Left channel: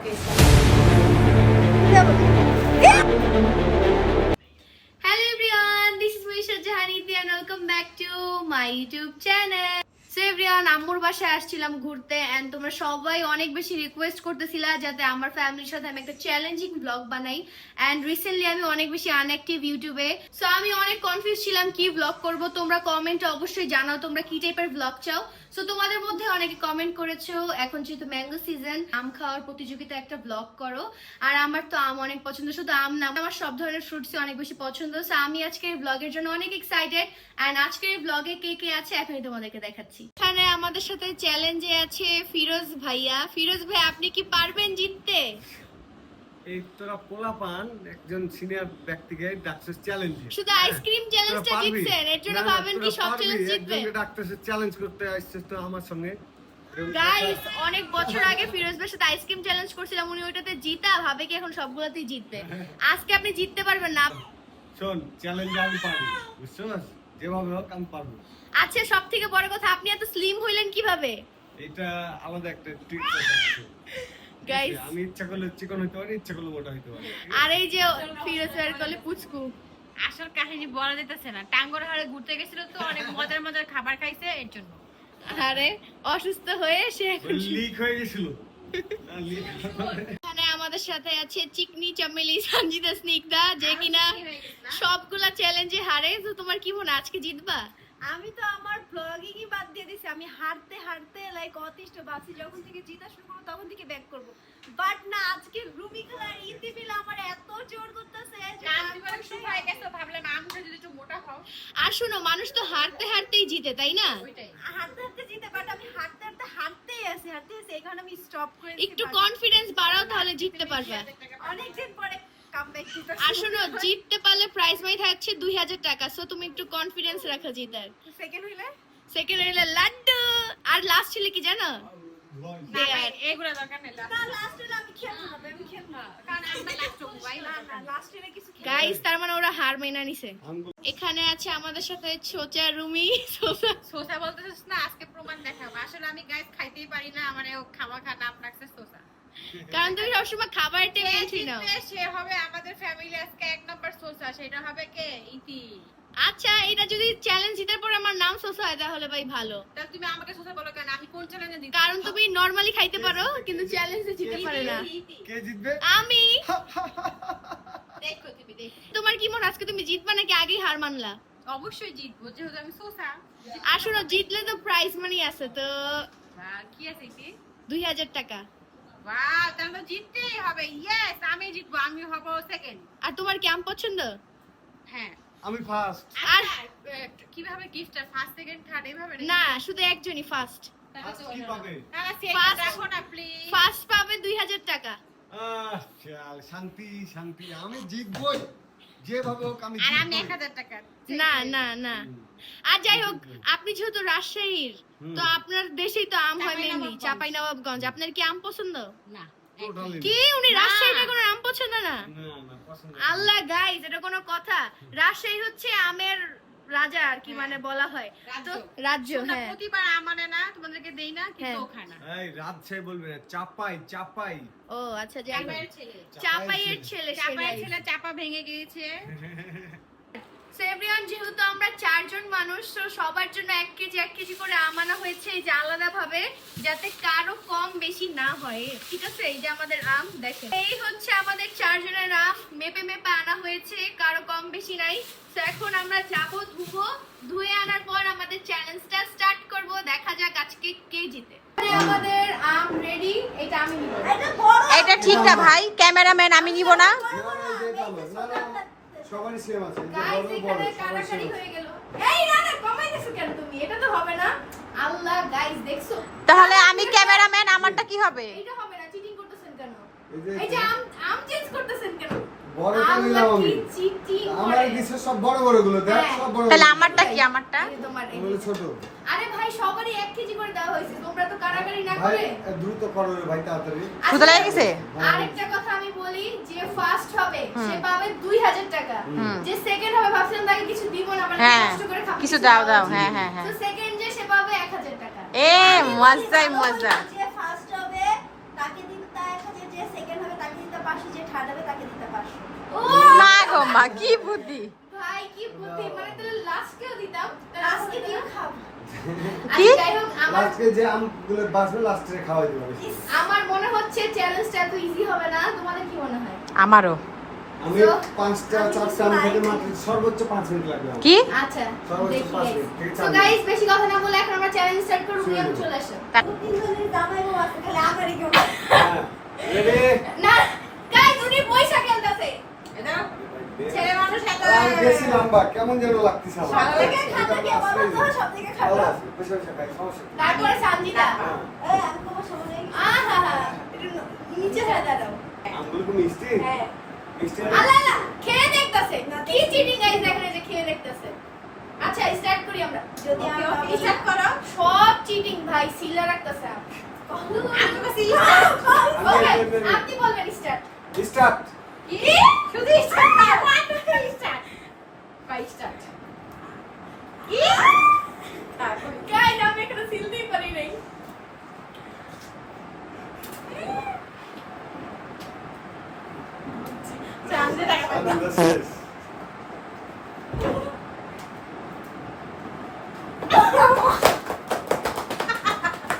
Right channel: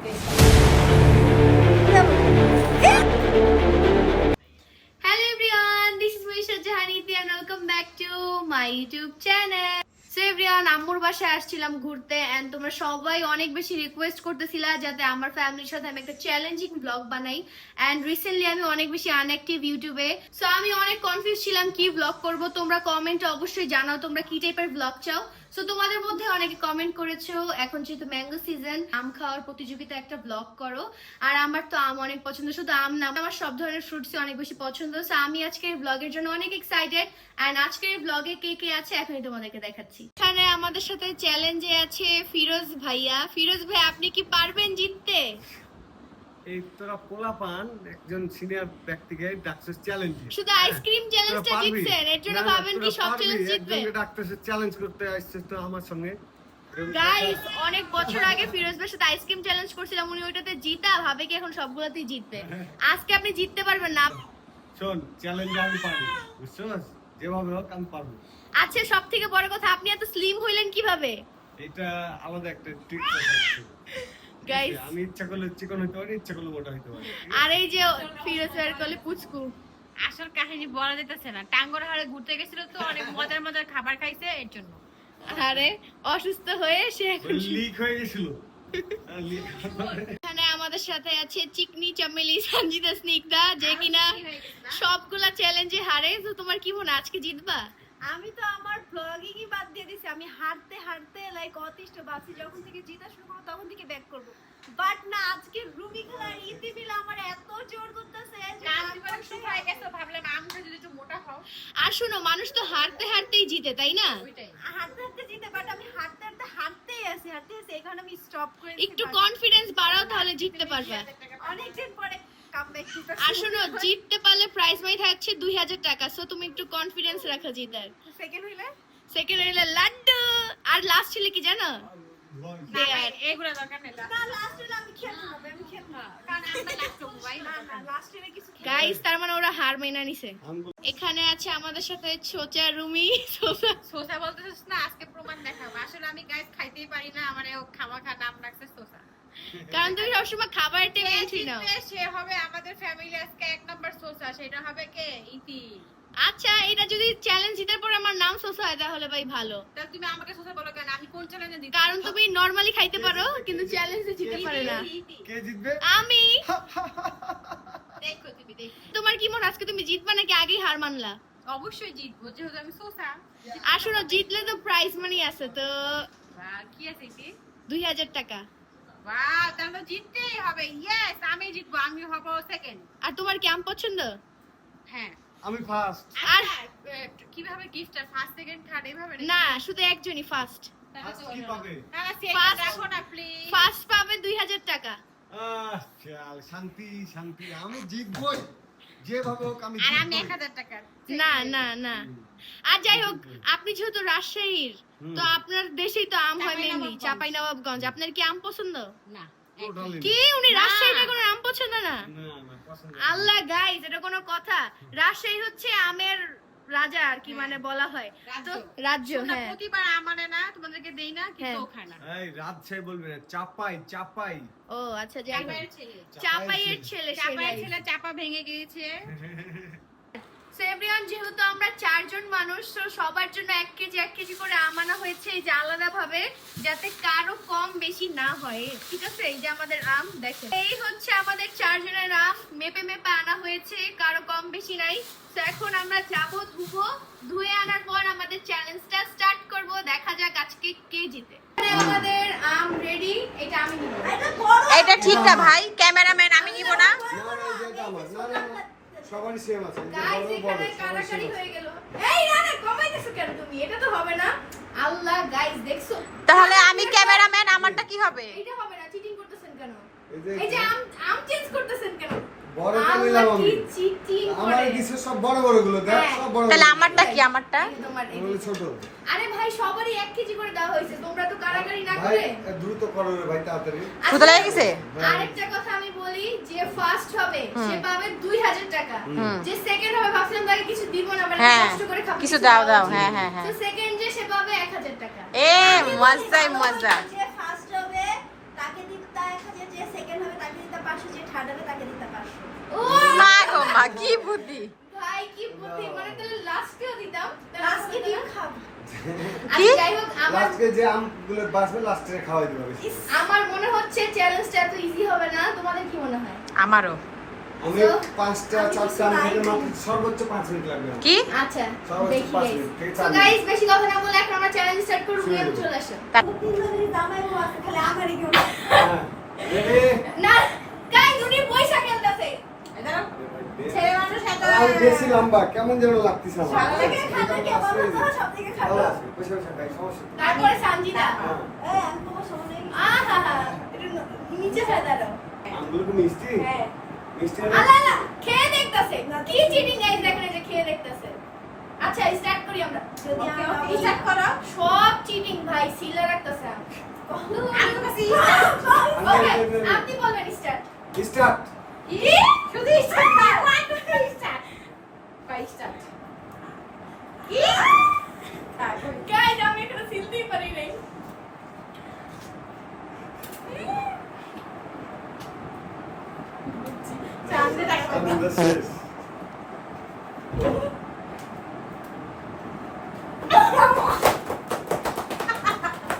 Hello everyone, this is Moisha Jahaniti and welcome back to my YouTube channel. So everyone, আম্মুর বাসায় আসছিলাম ঘুরতে and তোমরা সবাই অনেক বেশি রিকোয়েস্ট করতেছিলা যাতে আমার ফ্যামিলির সাথে আমি একটা চ্যালেঞ্জিং ব্লগ বানাই এন্ড রিসেন্টলি আমি অনেক বেশি আনঅ্যাক্টিভ ইউটিউবে, সো আমি অনেক কনফিউজ ছিলাম কি ব্লগ করব। তোমরা কমেন্টে অবশ্যই জানাও তোমরা কি টাইপের ব্লগ চাও। সো তোমাদের মধ্যে অনেকে কমেন্ট করেছো এখন যেহেতু ম্যাঙ্গো সিজন, আম খাওয়ার প্রতিযোগিতা একটা ব্লগ করো। আর আমার তো আম অনেক পছন্দ, শুধু আম না আমার সব ধরনের ফ্রুটসই অনেক বেশি পছন্দ। সো আমি আজকের ব্লগের জন্য অনেক এক্সাইটেড এন্ড আজকের ব্লগে কে কে আছে এখনই তোমাদেরকে দেখাচ্ছি। এখানে আমাদের সাথে চ্যালেঞ্জে আছে ফিরোজ ভাইয়া। ফিরোজ ভাই, আপনি কি পারবেন জিততে? এই তোরা পোলাপান একজন সিনিয়র ব্যক্তিকে ডাক্তার চ্যালেঞ্জ, শুধু আইসক্রিম চ্যালেঞ্জটা জিতছেন, এর জন্য ভাবেন কি সব চ্যালেঞ্জ জিতবে? ডাক্তার চ্যালেঞ্জ করতে আসছে তো আমার সঙ্গে। গাইস, অনেক বছর আগে ফিরোজ ভাইয়ের সাথে আইসক্রিম চ্যালেঞ্জ করছিলাম, উনি ওইটাতে জিতা, ভাবে কি এখন সবগুলোতেই জিতবে। আজকে আপনি জিততে পারবেন না। শোন, চ্যালেঞ্জ আমি পারবো, বুঝছস? যেভাবে হোক আমি পারবো। আচ্ছা, সব থেকে বড় কথা, আপনি এত স্লিম হইলেন কিভাবে? এটা আলাদা একটা ট্রিক আছে গাইস, আমি ইচ্ছা করলে চিকন হইতে পারি, ইচ্ছা করলে মোটা হইতে পারি। আর এই যে ফিরোজ ভাইয়ের কলে পুচকু, আসল কাহিনী বলা যেতেছে না। টাঙ্গর হাড়ে ঘুরতে গেছিল তো অনেক মজার মজার খাবার খাইছে এর জন্য। আরে অসুস্থ হয়ে সে এখন লিক হয়ে গেছিল। এখানে আমাদের সাথে আছে চিকনি চামেলি সঞ্জিতা স্নিগ্ধা, যে কিনা সবগুলা চ্যালেঞ্জে হারে। তো তোমার কি মনে আজকে জিতবা? আমি তো আমার ব্লগিংই বাদ দিয়ে দিছি। আমি হাঁটতে হাঁটতে লাইক অতিষ্ঠ বাসি, যখন থেকে জিতা শুরু করবো তখন থেকে ব্যাক করব। বাট না, আজকে রুমি খেলার ইতি বিল আমার এত জোর করতেছে যে শুকায় গেছে, ভাবলাম আমটা যদি একটু মোটা খাও। আর শোনো, মানুষ তো হারতে হারতেই জিতে, তাই না? হাঁটতে হাঁটতে জিতে, বাট আমি হাঁটতে হাঁটতে হাঁটতেই আছি, এই কারণে আমি স্টপ করে একটু কনফিডেন্স বাড়াও, তাহলে জিততে পারবে। অনেকদিন পরে কামব্যাক দিতে। আর শোনো, জিততে পারলে প্রাইজ মানি থাকছে 2000 টাকা। সো তুমি একটু কনফিডেন্স রাখো জিতার। সেকেন্ড হইলে সেকেন্ড হইলে লাড্ডু, আর লাস্ট হইলে কি জানো? না ভাই, এগুলা দরকার নেই। না, লাস্ট হইলে আমি খেলবো না, আমি খেলবো না, কারণ আমরা লাস্ট হবো ভাই। না না, লাস্ট হইলে কিছু খেলবো। গাইস, তার মানে ওরা হার মেনে নিছে। এখানে আছে আমাদের সাথে ছোচা রুমি। সোসা বলতেছিস না, আজকে প্রমাণ দেখাবো। আসলে আমি গাইস খাইতেই পারি না, আমার খামাখা নাম রাখছে সোসা। কারণ তুমি সবসময় খাবারের টেনশন নাও। সে হবে আমাদের ফ্যামিলি আজকে এক নাম্বার সোসা, সেটা হবে কে? ইতি। আচ্ছা, এটা যদি চ্যালেঞ্জ জিতার পর আমার নাম সোসা হয় তাহলে ভাই ভালো। তাহলে তুমি আমাকে সোসা বলো কেন? আমি কোন চ্যালেঞ্জে দিই? কারণ তুমি নরমালি খাইতে পারো কিন্তু চ্যালেঞ্জে জিততে পারে না। কে জিতবে? আমি। দেখো তুমি দেখো। তোমার কি মনে আজকে তুমি জিতবা নাকি আগেই হার মানলা? অবশ্যই জিতবো, যেহেতু আমি সোসা। আসলে জিতলে তো প্রাইজ মানি আছে, তো কি আছে ইতি? 2000 টাকা। বাহ, তাহলে তো জিততেই হবে। ইয়েস, আমি জিতবো, আমি হব সেকেন্ড। আর তোমার কি আম পছন্দ? হ্যাঁ। আমি ফার্স্ট। আর কিভাবে গিফট ফার্স্ট সেকেন্ড থার্ড এইভাবে না, শুধু একজনই ফার্স্ট। কি পাবে? ফার্স্ট রাখো না প্লিজ। ফার্স্ট পাবে 2000 টাকা। চল, শান্তি শান্তি, আমি জিতবই যেভাবে হোক, আমি আর আমি জিতবই। 1000 টাকা। না না না, আর যাই হোক, আপনি যেহেতু রাজশাহীর, তো আপনার দেশেই তো আম হয় মেনলি, চাঁপাইনবাবগঞ্জ। আপনার কি আম পছন্দ? না। Totally কি উনি রাজশাহীতে কোনো আম পছন্দ না? না, না, পছন্দ না। আল্লাহ গাইস, এটা কোনো কথা? রাজশাহী হচ্ছে আমের রাজা আর কি, মানে বলা হয় তো রাজ্য। হ্যাঁ, প্রতিবার আমারে না তোমাদেরকে দেই না, কিন্তু খায় না। এই রাজশাহী বলবে না, চাপাই চাপাই। ও আচ্ছা, যাই হোক, চাপাইয়ের ছেলে। চাপাইয়ের ছেলে। চাপাইয়ের ছেলে চাপা ভেঙে গিয়েছে। সো এভরিওয়ান, যেহেতু আমরা 4 জন মানুষ, তো সবার জন্য 1 কেজি করে আম আনা হয়েছে, এই যে আলাদা ভাবে, যাতে কারো কম বেশি না হয়। ঠিক আছে, এই যে আমাদের আম দেখেন, এই হচ্ছে আমাদের 4 জনের আম, মেপে মেপে আনা হয়েছে, কারো কম বেশি নাই। তো এখন আমরা যাবো ধুবো, ধুয়ে আনার পর আমাদের চ্যালেঞ্জটা স্টার্ট করব। দেখা যাক আজকে কে জিতে। আমাদের আম রেডি, এটা আমি নিব। এটা ঠিক না ভাই, ক্যামেরাম্যান আমি নিব না। সবারই সেম আছে, গাইস, এখানে কানাকানি হয়ে গেল। এই না না, কমাইতেছো কেন তুমি? এটা তো হবে না। আল্লাহ গাইস, দেখছো? তাহলে আমি ক্যামেরাম্যান, আমারটা কি হবে? এটা হবে না, চিটিং করতেছেন কেন? এই এই যে আম চেঞ্জ করতেছেন কেন? বড়টা নিলাম আমি। চিটিং আমার করে। দিছে সব বড় বড় গুলো, দেখ হ্যাঁ। সব বড়। তাহলে আমারটা কি? আমারটা এই যে তোমার এই ওগুলো যে। ছোট। আরে ভাই, সবারই 1 কেজি করে দেওয়া হয়েছে, তোমরা তো কারাগারি না ভাই করে। দ্রুত করো রে ভাই, তাড়াতাড়ি। ক্ষুধা লেগে গেছে? আরেকটা কথা আমি বলি, যে ফার্স্ট হবে সে পাবে 2000 টাকা, যে সেকেন্ড হবে ভাবছিলাম তাকে কিছু দিব না, মানে হ্যাঁ, কষ্ট করে খাবো, কিছু দাও দাও। হ্যাঁ হ্যাঁ হ্যাঁ। তো সেকেন্ড যে সে পাবে 1000 টাকা। এ মজাই মজা। যে ফার্স্ট হবে তাকে দিন তা 1000, যে হাঁটাবে তাকে দিতে 500। ও মা গো মা কি বুদ্ধি। ভাই কি বুদ্ধি, মানে তাহলে লাস্টে দিতাম, আজকে দিন খাবো। আচ্ছা যাই হোক আমার লাস্টে যে আমগুলো বাঁচবে লাস্টে খাওয়াই দেবো বেশি। আমার মনে হচ্ছে চ্যালেঞ্জটা এত ইজি হবে না, তোমাদের কি মনে হয়? আমারও আমি So, 5টা 4টা আম থেকে মাত্র সর্বোচ্চ 5 মিনিট লাগবে আমার। কি আচ্ছা সর্বোচ্চ দেখি 5 গাইস। মিনিট, ঠিক সো আছে? গাইস বেশি কথা না বলে এখন আমরা চ্যালেঞ্জ স্টার্ট করব, শুরু নিয়ে করবো। চলে আসো। তিনজনের জামাই বউ আছে, খালি আমারই কেউ। হ্যাঁ রেডি না গাইস উনি পয়সা খেলতেছে। ছেলে মানুষ এত আমি বেশি লম্বা কেমন যেন লাগতেছে আমার। সব থেকে খাতা কে বলো তো, সব থেকে খাতা। আল্লাহ, বসে বসে খাই, সমস্যা নেই। তারপরে সানজিদা। হ্যাঁ। এই, আমি তোমার সামনে আহা একটু নিচে ফেলে দাও। আমগুলো কি মিষ্টি? হ্যাঁ। মিষ্টি না? আলা আলা খেয়ে দেখতেছে। কি চিটিং গাইস, দেখেন এই যে খেয়ে দেখতেছে। আচ্ছা স্টার্ট করি আমরা। যদি ওকে, আমি ওকে, start করো। সব চিটিং ভাই, সিলা রাখতেছে। আমি তো সিল ওকে আপনি বলবেন স্টার্ট। স্টার্ট। কি শুধু স্টার্ট না, স্টার্ট ভাই স্টার্ট। কি গাইস আমি এখানে সিলতেই পারি নাই। চান্দে রাখতে আমি তো শেষ।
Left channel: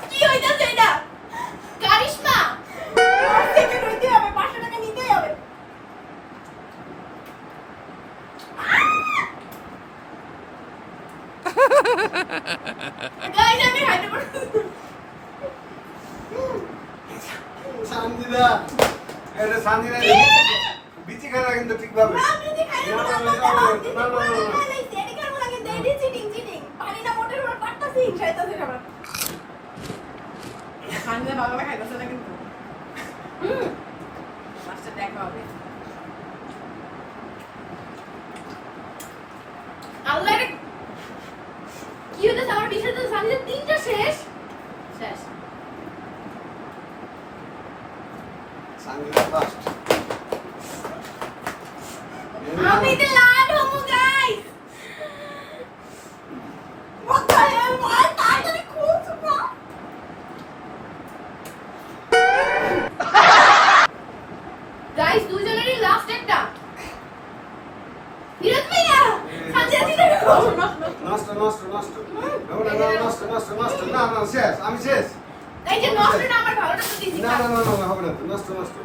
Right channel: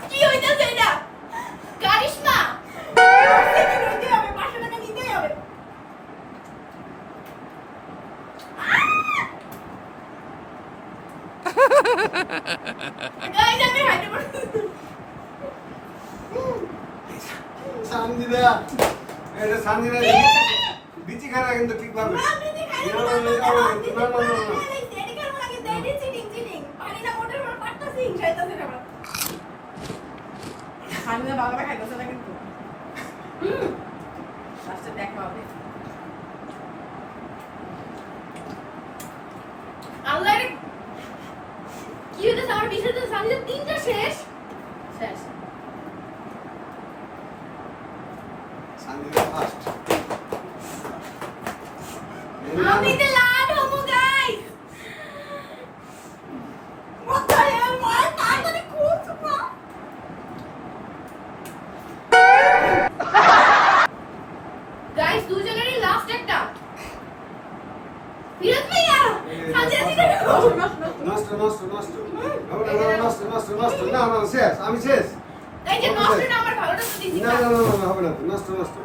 কি হইতাছে এটা? কারিশমা থেকে নিতে হবে, 500 টাকা নিতেই হবে। গাইস আমি হাইটে পড়ছি। সানজিদা, এটা সানজিদা বিচি খানা কিন্তু ঠিকভাবে। না, আপনি যে খাইলেন না, না, না, না, না, না, না, না, না। এটি কারণ লাগে, এটি চিটিং, চিটিং। পানি না মোটের উপর পাটতাছি, হিংসাইতাছি সবার। সামনে বাবা খাইতেছে না কিন্তু লাস্টে দেখা হবে। আল্লাহ রে কি হইতাছে আমার বিষয় তো সামনে তিনটা শেষ। শেষ। সানজিদা ফার্স্ট। আমি তো লাল হবো গাইস। মাথায় আমার তাড়াতাড়ি খুঁজ না। গাইস দুজনেরই লাস্ট একটা। বিরত ভাইয়া সানজিদা দিকে নষ্ট নষ্ট নষ্ট। নষ্ট নষ্ট নষ্ট। না না শেষ, আমি শেষ। এই যে নষ্ট না, আমার ভালোটা তো দিছি। না না না না হবে না, নষ্ট নষ্ট।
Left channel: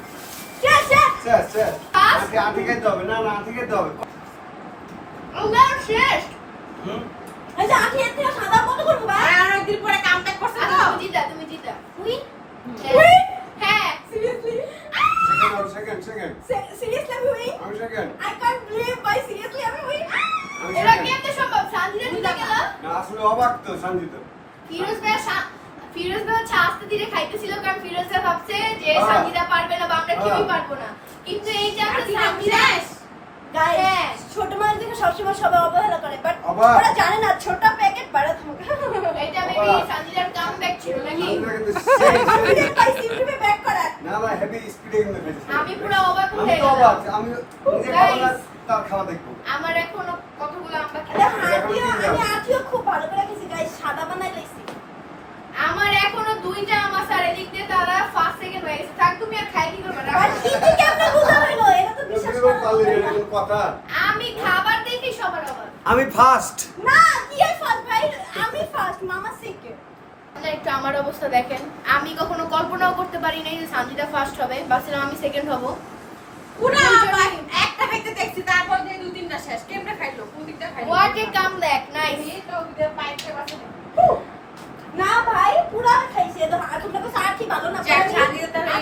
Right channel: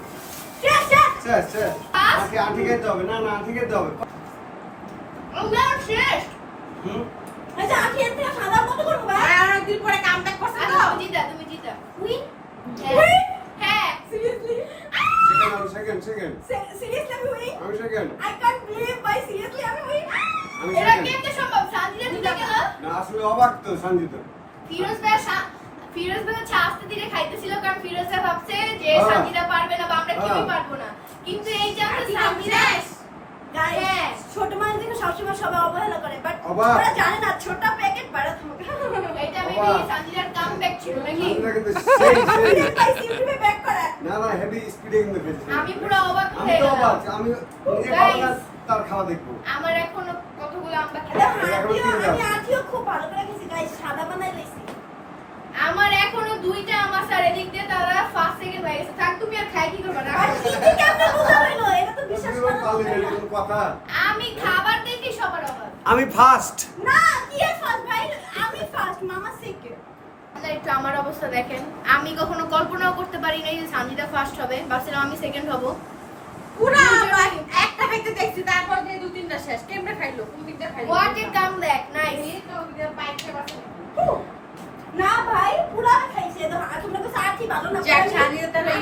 শেষ শেষ শেষ শেষ। পাঁচ। আটি খেতে হবে, না না আটি খেতে হবে। আমার শেষ। হুম। আচ্ছা, আমি এর থেকে সাদার মতো করবো ভাই। আর অনেকদিন পরে কামব্যাক করছে আচ্ছা তো। তুমি জিতা, তুমি জিতা। Win Win? হ্যাঁ Seriously? Second second. Seriously আমি win? আমি সেকেন্ড। I can't believe ভাই, seriously আমি win? আমি এটা সেকেন্ড। কেমনে সম্ভব? সানজিদা জিতে গেল। না আসলে অবাক তো সঞ্জিতা। ফিরোজ ভাই ফিরোজ ভাই হচ্ছে আস্তে ধীরে খাইতেছিল, কারণ ফিরোজ ভাই ভাবছে যে হ্যাঁ। সানজিদা পারবে না বা আমরা কেউই হ্যাঁ। পারবো না, কিন্তু এই যে আমরা আজকে সানজিদা Guys, হ্যাঁ। ছোট মানুষদেরকে সবসময় সবাই অবহেলা করে, but অবাক। ওরা জানে না ছোট প্যাকেট বড় ধমক। এটা মেবি সানজিদার কামব্যাক ছিল নাকি? সঞ্জিতা কিন্তু সেই ভাই সিম্পলি ব্যাক করা। না না হেভি স্পিডে কিন্তু বেশি। আমি পুরো অবাক আমি হয়ে তো গেলাম। অবাক, আমি নিজে খাবো না Guys. তার খাওয়া দেখবো। আমার এখনো কতগুলো আমরা দেখো, এখন তিন আমি দাও। আজকেও খুব ভালো করে গেছি গাইস, সাদা বানাই লইছি। আমার এখনো দুইটা আমার আর এদিক দিয়ে তারা ফার্স্ট সেকেন্ড হয়ে গেছে। থাক তুমি আর খাই কি করবে না? আর কি কি কেমনে বোঝা হইলো? এটা তো বিশ্বাস তুমি করা পারলে যাবে না। এরকম কথা। আমি খাবার দেখি সবার অবাক। আমি ফার্স্ট। না, কি আর ফার্স্ট ভাই, আমি ফার্স্ট, মামা সেকেন্ড। আপনারা একটু আমার অবস্থা দেখেন, আমি কখনো কল্পনাও করতে পারি নাই যে সানজিদা ফার্স্ট হবে, ভাবছিলাম আমি সেকেন্ড হব। পুরা আমার একটা খাইতে দেখছি, তারপর দিয়ে দু তিনটা শেষ। কেমনে খাইলো? কোন দিক দিয়ে খাইলো? What a comeback, nice. এই তো ওই দিকে পাইপ খেয়ে বসে। না ভাই, পুরা খাইছে তো তোমরা তো সাথী ভালো না। যাক, সাজিয়ে তাহলে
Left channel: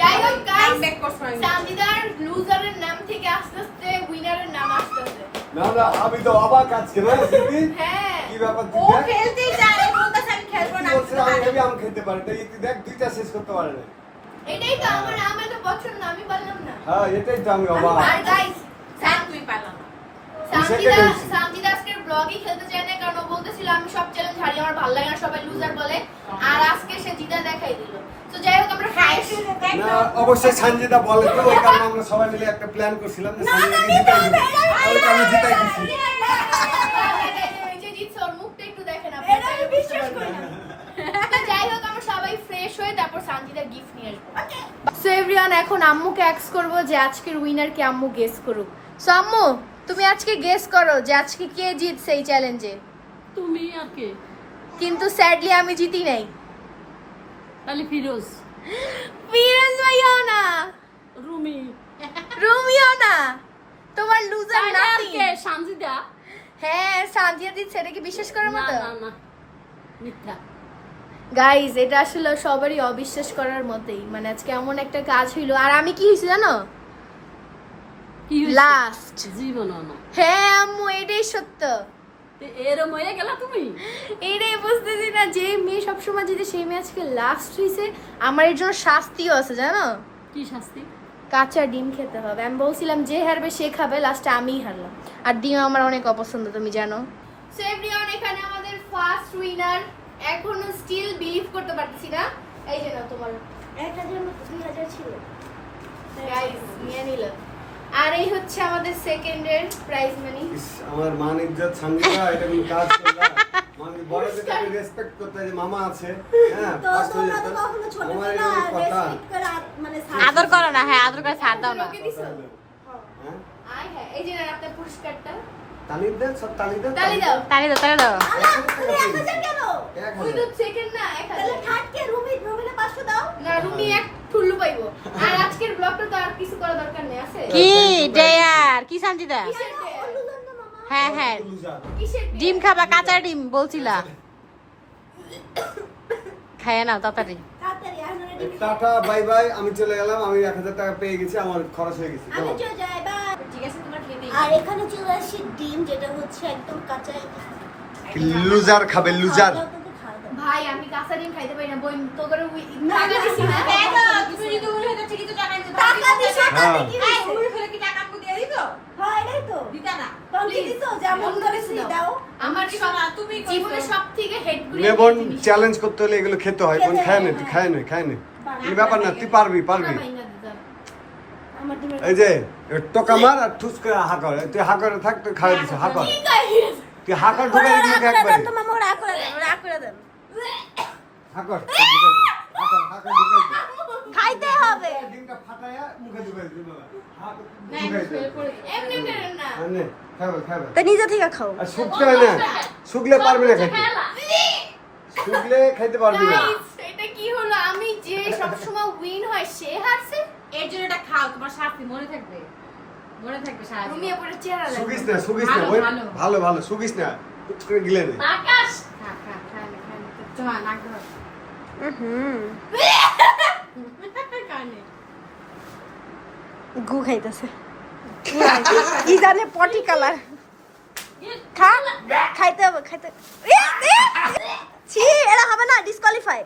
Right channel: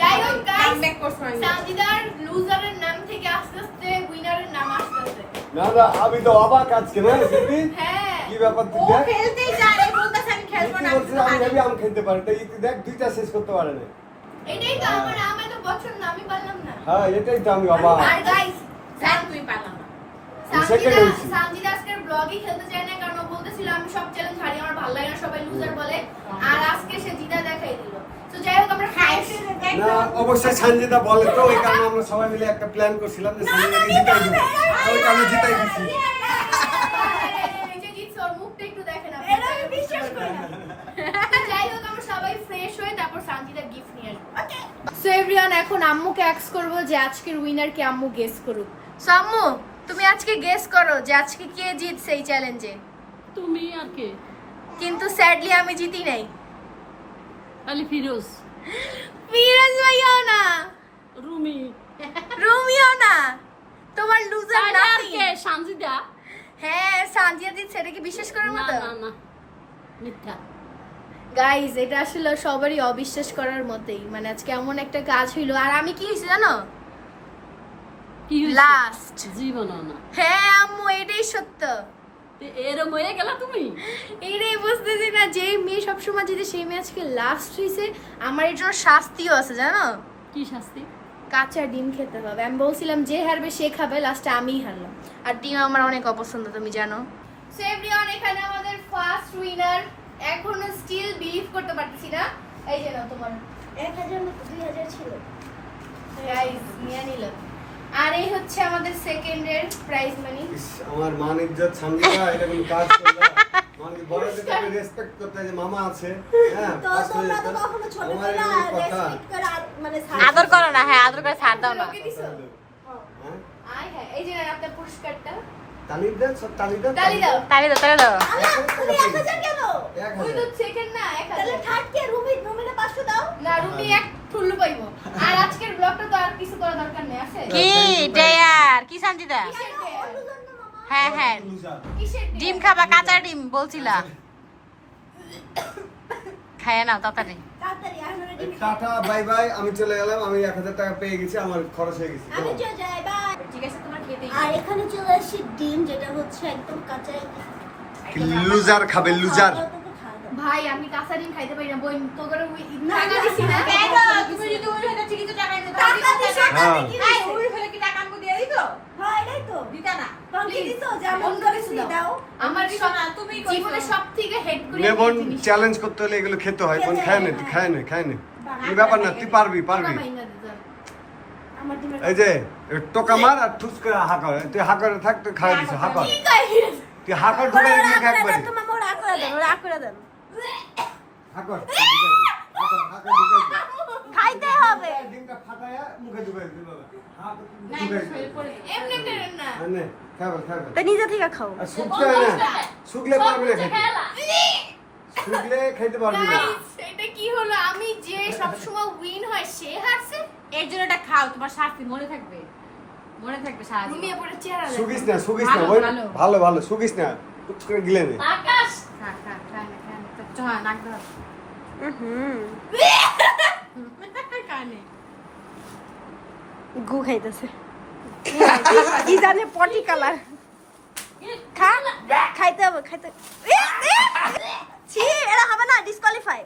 যাই হোক গাইস, কামব্যাক করছো আমি। সানজিদার লুজারের নাম থেকে আস্তে আস্তে উইনারের নাম আসতেছে। না না আমি তো অবাক আজকে না সিপি। হ্যাঁ কি ব্যাপার ও তুই? খেলতেই যায়, বলতেছে আমি খেলবো না, আমি শুধু আমি হারি। হেভি আম খেতে পারি, তাই দেখ দুইটা শেষ করতে পারে না। এটাই তো আমার তো পছন্দ, আমি পারলাম না। হ্যাঁ এটাই তো আমি অবাক। আর গাইস স্যার তুই পারলাম না। সানজিদা আজকের ব্লগই খেলতে চায় না, কারণ ও বলতেছিল আমি সব চ্যালেঞ্জ হারি, আমার ভালো লাগে না, সবাই লুজার বলে। আর আজকে সে জিতা দেখাই দিল। তো যাই হোক আমরা না অবশ্যই সঞ্জিতা বলে তো, ওই কারণে আমরা সবাই মিলে একটা প্ল্যান করছিলাম যে সঞ্জিতাকে জিতাই দিব। ওই কারণে জিতাই দিছি। এই যে জিতছে, ওর মুখটা একটু দেখেন আপনি। এটা আমি বিশ্বাস করি না। তো যাই হোক আমরা সবাই ফ্রেশ হয়ে তারপর সানজিদার গিফট নিয়ে আসবো। ওকে। সো সো এভরিওয়ান, এখন আম্মুকে অ্যাক্স করব যে আজকের উইনার কে, আম্মু গেস করুক। সো আম্মু, তুমি আজকে গেস করো যে আজকে কে জিতছে এই চ্যালেঞ্জে। তুমি আর কে? কিন্তু স্যাডলি আমি জিতি নাই। তাহলে ফিরোজ। ফিরোজ ভাইয়াও না, রুমি। রুমিও না, তোমার লুজার তাহলে আর নাতি। কে? সানজিদা। হ্যাঁ, সানজিয়া দিচ্ছে, এটা কি বিশ্বাস করার না মতো? না না, মিথ্যা। গাইজ, এটা আসলে সবারই অবিশ্বাস করার মতোই। মানে আজকে এমন একটা কাজ হইলো, আর আমি কি হয়েছি জানো? কি হইছে? লাস্ট। জীবনও না। হ্যাঁ আম্মু, এটাই সত্য। তে এরম হয়ে গেলা তুমি? এটাই বুঝতেছি না, যে মেয়ে সবসময় যদি সেই মেয়ে আজকে লাস্ট হয়েছে, আমার এর জন্য শাস্তিও আছে জানো। কি শাস্তি? কাঁচা ডিম খেতে হবে। আমি বলছিলাম যে হারবে সে খাবে, লাস্টে আমিই হারলাম। আর ডিম আমার অনেক অপছন্দ, তুমি জানো। সো এভরিওয়ান, এখানে আমাদের ফার্স্ট উইনার। এখনো স্টিল বিলিভ করতে পারতেছি না। এই যে নাও তোমার 1000 মধ্যে 2000 ছিল। প্রাইজ নিয়ে নিল। আর এই হচ্ছে আমাদের সেকেন্ডের প্রাইজ মানি। ইস, আমার মান ইজ্জত সামনে এটা কোন কাজ করলা মানে বড়দেরকে রেসপেক্ট করতে হয়, যে মামা আছে। হ্যাঁ, তো পাঁচশো তোমরা তো টাকা। কখনো ছোট আমার ছিল এরকম আর কথা। রেসপেক্ট করে মানে আদর করো না, হ্যাঁ আদর করে ছাড় দাও না। হ্যাঁ, আয় হ্যাঁ, এই যে আপনার পুরস্কারটা। তালি দেন, সব তালি দেন। তালি দাও। তাহলে তো তাহলে দাও। আল্লাহ, তুমি 1000 কেন? ওই তো সেকেন্ড না, তাহলে 1000। থার্ড কে? রুমিনে 500 দাও। না, রুমি এক ঠুল্লু পাইবো। আর আজকের ব্লগটা তো আর কিছু করা দরকার নেই, আছে? কি ডেয়ার? কি সানজিদা? কিসের ডেয়ার? বললাম না মামা। হ্যাঁ হ্যাঁ, লুজার। কিসের ডেয়ার? ডিম খাবা, কাঁচা ডিম বলছিলা। খায় না তাড়াতাড়ি। তাড়াতাড়ি আর মানে ডিম টাটা, বাই বাই, আমি চলে গেলাম। আমি 1000 টাকা পেয়ে গেছি, আমার খরচ হয়ে গেছে। আমি চলে যাই, বাই। ঠিক আছে, তোমার খেতেই। আর এখানে চলে আসছে ডিম, যেটা হচ্ছে একদম কাঁচা। লুজার খাবে, লুজার। খাওয়া দাও, তোকে খাওয়া দাও। ভাই, আমি কাঁচা ডিম খাইতে পারি না। বই তো করে টাকা দিছি না। টাকা দিছো, হ্যাঁ। টাকা কি দিছো? হ্যাঁ, এটাই তো। তখন কি Please, দিছো? যেমন অন্য করে কিছু তুমি দাও। দাও। আমার জীবনে সব থেকে হেড করে নেবন চ্যালেঞ্জ করতে হলে এগুলো খেতে হয়। বোন খায় না, তুই খায় না, খায় না। এই ব্যাপার না, তুই পারবি, পারবি। আমার ডিমের এই যে টোকা মার আর ঠুস করে হাঁকর, তুই হাঁকরে থাক, তুই খাই দিছ হাঁকর, তুই হাঁকর ঢুকাই দিবি একবারে। তুমি আমার রাগ করে দেন, রাগ করে দেন। হাঁকর তুই ঢুকাই দিবি, হাঁকর হাঁকর ঢুকাই দিবি। খাইতে হবে। ডিমটা ফাটায়া মুখে ঢুকাই দিবি বাবা। হাঁক ঢুকাই দিবি। এমনি করে না। আনে খাবে খাবে। তো নিজে থেকে খাও। আর শুকতে হয় না, শুকলে পারবি না খেতে, শুকলে খেতে পারবি না। Guys, এটা কি হলো? আমি যে সবসময় উইন হয় সে হারছে। এর জন্য এটা খাও, তোমার শাস্তি মনে থাকবে, মনে থাকবে সাহায্য। রুমিয়া পরে চেহারা দেখো। শুকিস না, শুকিস না, ভালো, ওই ভালো। ভালো ভালো শুকিস না, টুক করে গিলে নে। আকাশ, খা খা খা না খা না চল নাক ধর কানে গু খাইতেছে। কি জানে পটি কালার। খা, খাইতে হবে, খাইতে। ছি, এরা হবে না, ডিসকোয়ালিফাই।